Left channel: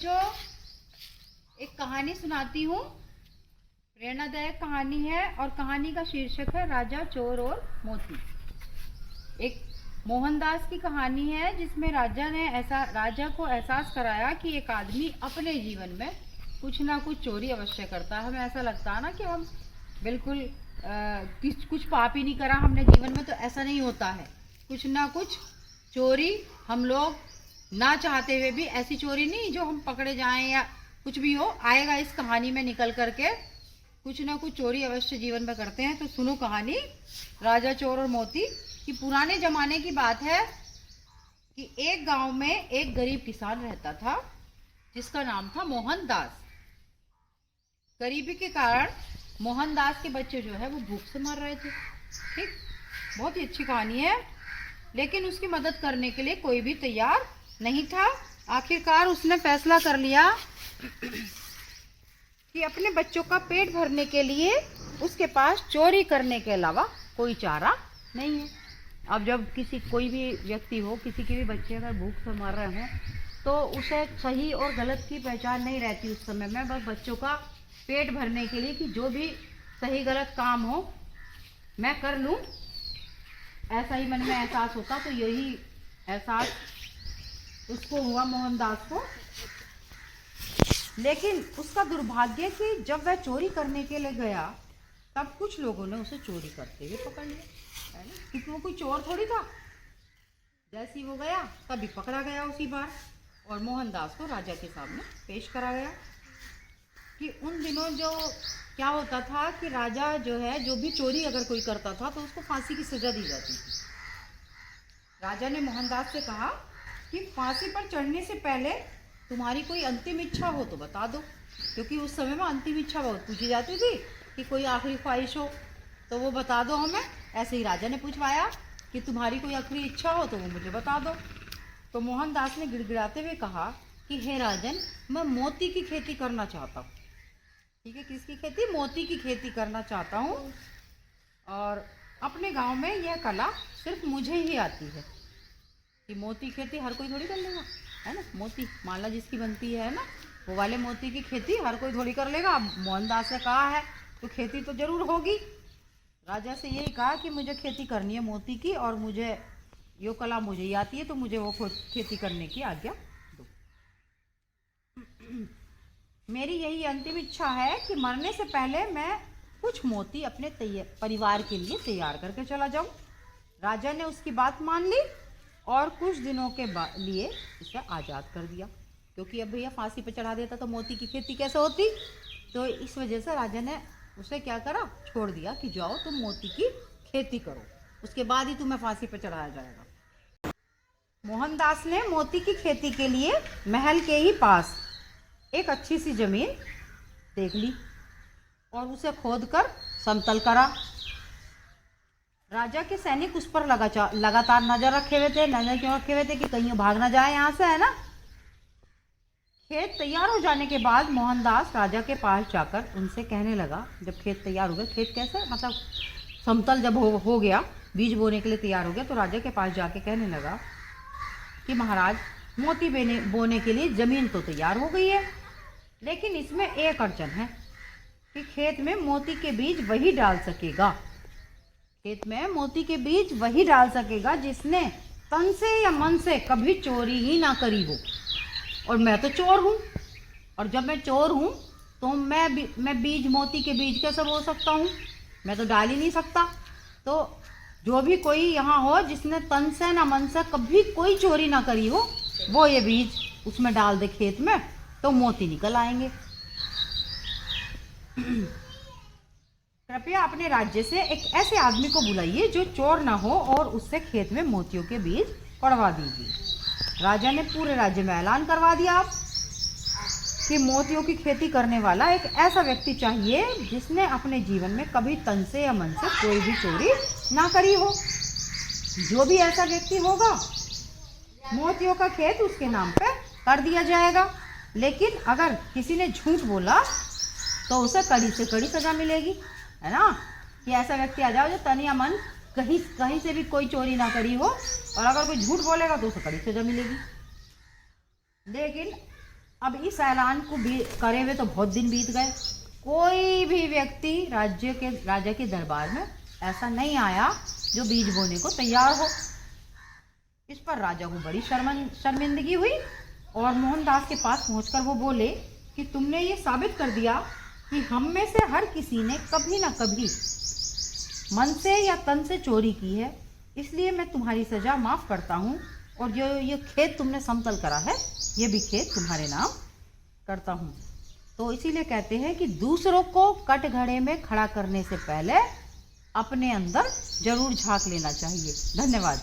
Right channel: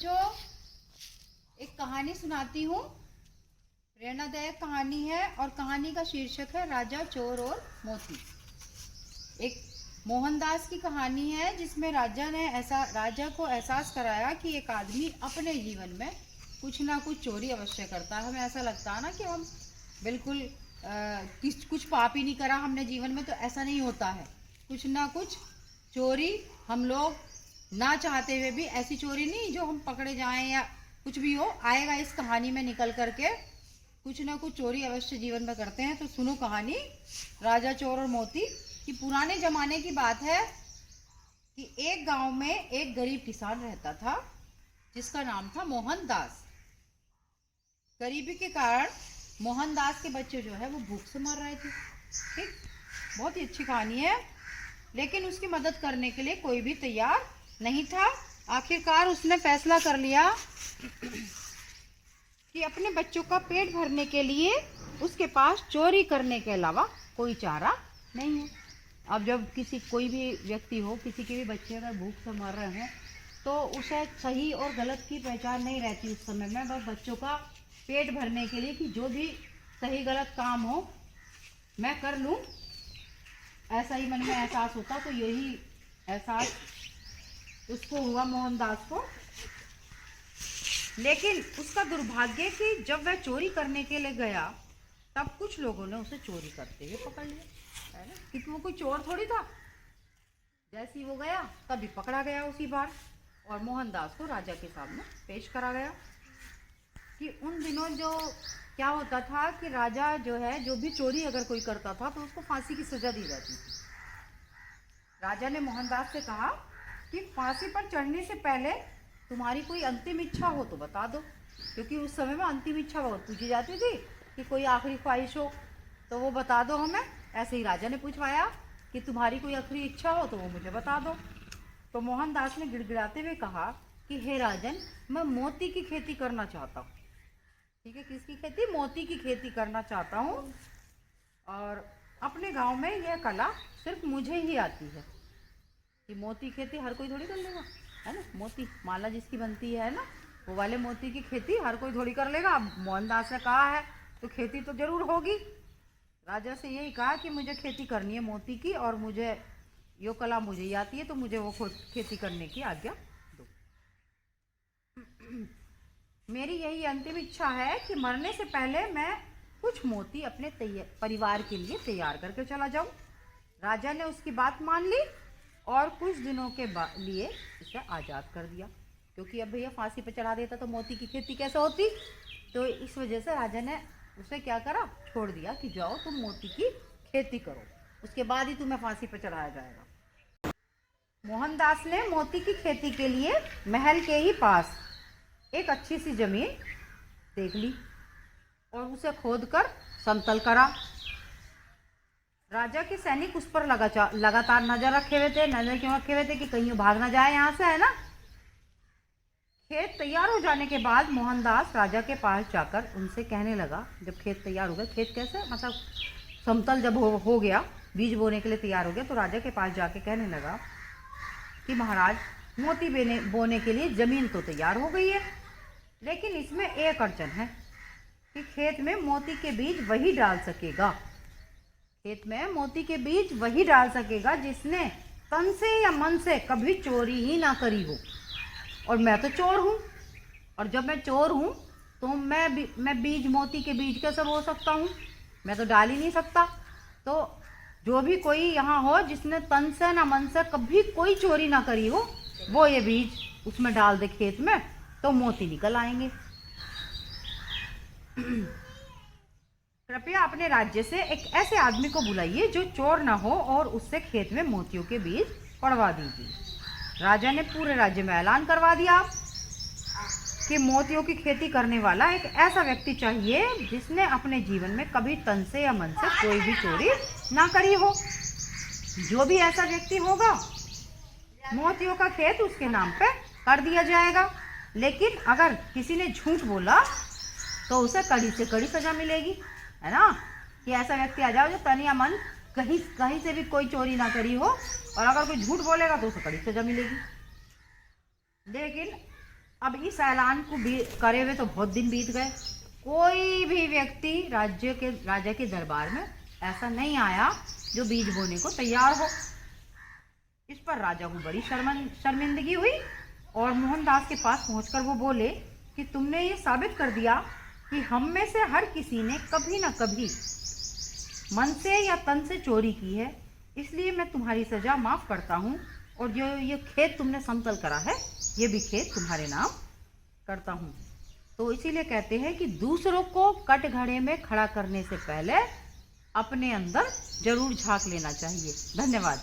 बच्चों, एक कहानी सुनाती हूँ। प्रेरणादायक कहानी है और कहानी का शीर्षक है राजा, चोर और मोती। एक मोहनदास की कहानी है जिसमें राजा को एहसास कराया कि एक आदमी अपने जीवन में कुछ ना कुछ चोरी अवश्य करता है। हमें ऐसा लगता है ना कि हम बिल्कुल कुछ पाप ही नहीं करा हमने जीवन में, तो ऐसा नहीं होता है। कुछ ना कुछ चोरी हम लोग ना चाहते हुए भी, ऐसी चोरी नहीं जो हम पकड़े जाएं या कुछ भी हो, आएगा इस कहानी में निकल करके। कुछ ना कुछ चोरी अवश्य जीवन में करते हैं। तो सुनो कहानी राजा, चोर और मोती की। पुराने जमाने की बात है कि एक गांव में एक गरीब किसान रहता था जिसका नाम था मोहनदास। गरीबी के कारण मोहनदास के बच्चे जो है वो भूख से मर रहे थे। ठीक, बहुत ही अच्छी कहानी है। लेकिन उसकी मदद करने के लिए कोई भी तैयार नहीं था। आखिरकार उसने फैसला कर लिया कि अपने बच्चों का पेट भरने के लिए उसके पास चोरी करने के अलावा कोई चारा नहीं है। अब जब कोई भी व्यक्ति हो, किसी के भी बच्चे अगर भूख से मर रहे हैं तो उसे सही और गलत की पहचान नहीं रहती उस समय में। बस बच्चों का पेट भरने के लिए कि जो भी सही गलत काम हो मैं कर लूँ, ऐसा ही मन में एहसास होता। तो यही एहसास उसको हुआ, मोहनदास को। लेकिन उसका दुर्भाग्य कि जब वह चोरी करने के लिए गया तब कुछ लोगों ने उसे चोरी करते हुए पकड़ लिया, है ना, क्योंकि वो कोई चोर थोड़ी था। जैसे ही वो गया तभी पकड़ा गया उसी बार, और मोहनदास को राजा के सामने पेश करा गया। कि उन दिनों जो क्या होता था कि राजा जो है, जो भी चोरी अगर कोई करता था तो उसको फांसी की सजा दी जाती थी। राजा ने मोहनदास से कहा कि फांसी पर चढ़ने से पहले तुम्हारी कोई अंतिम इच्छा हो तो बता दो, क्योंकि उस समय में अंतिम इच्छा बहुत पूछी जाती थी कि कोई आखिरी ख्वाहिश हो तो वो बता दो हमें। ऐसे ही राजा ने पूछवाया कि तुम्हारी कोई आखिरी इच्छा हो तो वो मुझे बता दो। तो मोहनदास ने गिड़गिड़ाते हुए कहा कि हे राजन, मैं मोती की खेती करना चाहता हूँ। ठीक है, किसकी खेती? मोती की खेती करना चाहता हूँ। और अपने गांव में यह कला सिर्फ मुझे ही आती है। कि मोती खेती हर कोई थोड़ी कर लेगा, है ना। मोती माला जिसकी बनती है ना, वो वाले मोती की खेती हर कोई थोड़ी कर लेगा। अब मोहनदास ने कहा है तो खेती तो जरूर होगी। राजा से यही कहा कि मुझे खेती करनी है मोती की, और मुझे यो कला मुझे ही आती है, तो मुझे वो खेती करने की आज्ञा दो। मेरी यही अंतिम इच्छा है कि मरने से पहले मैं कुछ मोती अपने परिवार के लिए तैयार करके चला जाऊं। राजा ने उसकी बात मान ली और कुछ दिनों के लिए उसे आज़ाद कर दिया, क्योंकि अब भैया फांसी पर चढ़ा देता तो मोती की खेती कैसे होती। तो इस वजह से राजा ने उसे क्या करा, छोड़ दिया कि जाओ तुम मोती की खेती करो, उसके बाद ही तुम्हें फांसी पर चढ़ाया जाएगा। मोहनदास ने मोती की खेती के लिए महल के ही पास एक अच्छी सी जमीन देख ली और उसे खोदकर समतल करा। राजा के सैनिक उस पर लगातार नजर रखे हुए थे। नजर क्यों रखे हुए थे? कि कहीं भाग ना जाए यहाँ से, है ना। खेत तैयार हो जाने के बाद मोहनदास राजा के पास जाकर उनसे कहने लगा, जब खेत तैयार हो गए, खेत कैसे मतलब समतल जब हो गया, बीज बोने के लिए तैयार हो गया, तो राजा के पास जाके कहने लगा कि महाराज, मोती बोने के लिए जमीन तो तैयार हो गई है, लेकिन इसमें एक अड़चन है कि खेत में मोती के बीज वही डाल सकेगा। खेत में मोती के बीज वही डाल सकेगा जिसने तन से या मन से कभी चोरी ही ना करी हो। और मैं तो चोर हूँ, और जब मैं चोर हूँ तो मैं बीज, मोती के बीज कैसे बो सकता हूँ? मैं तो डाल ही नहीं सकता। तो जो भी कोई यहाँ हो जिसने तन से ना मन से कभी कोई चोरी ना करी हो, वो ये बीज उसमें डाल दे खेत में, तो मोती निकल आएंगे। कृपया अपने राज्य से एक ऐसे आदमी को बुलाइए जो चोर ना हो और उससे खेत में मोतियों के बीज पड़वा दीजिए। राजा ने पूरे राज्य में ऐलान करवा दिया कि मोतियों की खेती करने वाला एक ऐसा व्यक्ति चाहिए जिसने अपने जीवन में कभी तन से या मन से कोई भी चोरी ना करी हो। जो भी ऐसा व्यक्ति होगा, मोतियों का खेत उसके नाम पे कर दिया जाएगा। लेकिन अगर किसी ने झूठ बोला तो उसे कड़ी से कड़ी सजा मिलेगी, है ना। कि ऐसा व्यक्ति आ जाओ जो तन या मन कहीं से भी कोई चोरी ना करी हो, और अगर कोई झूठ बोलेगा तो उसे कड़ी सजा मिलेगी। लेकिन अब इस ऐलान को करे हुए तो बहुत दिन बीत गए। कोई भी व्यक्ति राजा के दरबार में ऐसा नहीं आया जो बीज बोने को तैयार हो। इस पर राजा को बड़ी शर्मिंदगी हुई और मोहनदास के पास पहुंचकर वो बोले कि तुमने ये साबित कर दिया कि हम में से हर किसी ने कभी ना कभी मन से या तन से चोरी की है, इसलिए मैं तुम्हारी सजा माफ करता हूँ और जो ये खेत तुमने समतल करा है ये भी खेत तुम्हारे नाम करता हूँ। तो इसीलिए कहते हैं कि दूसरों को कटघरे में खड़ा करने से पहले अपने अंदर जरूर झांक लेना चाहिए। धन्यवाद।